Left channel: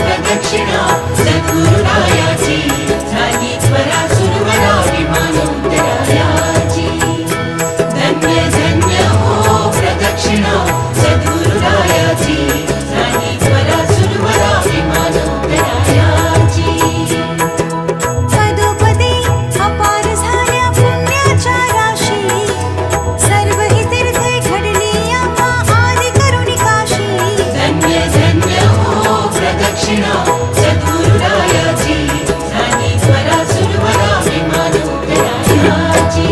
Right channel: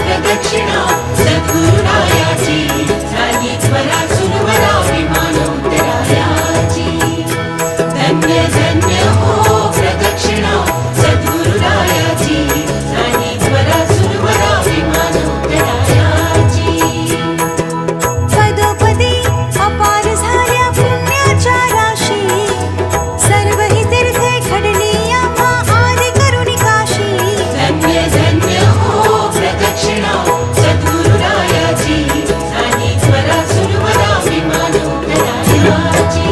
प्रदक्षिणा सद्गुरुरायाची झाली त्वरा सुरवरा विमान उतरायाची धन्य धन्य हो प्रदक्षिणा सद्गुरुरायाची झाली त्वरा सुरवरा विमान उतरायाची पदोपदी अपार झाल्या पुण्याच्या राशी सर्व ही तीर्थे घडली आम्हा आदि करुणी काशी धन्य धन्य हो प्रदक्षिणा सद्गुरुरायाची झाली त्वरा सुरवरा विमान उतरायाची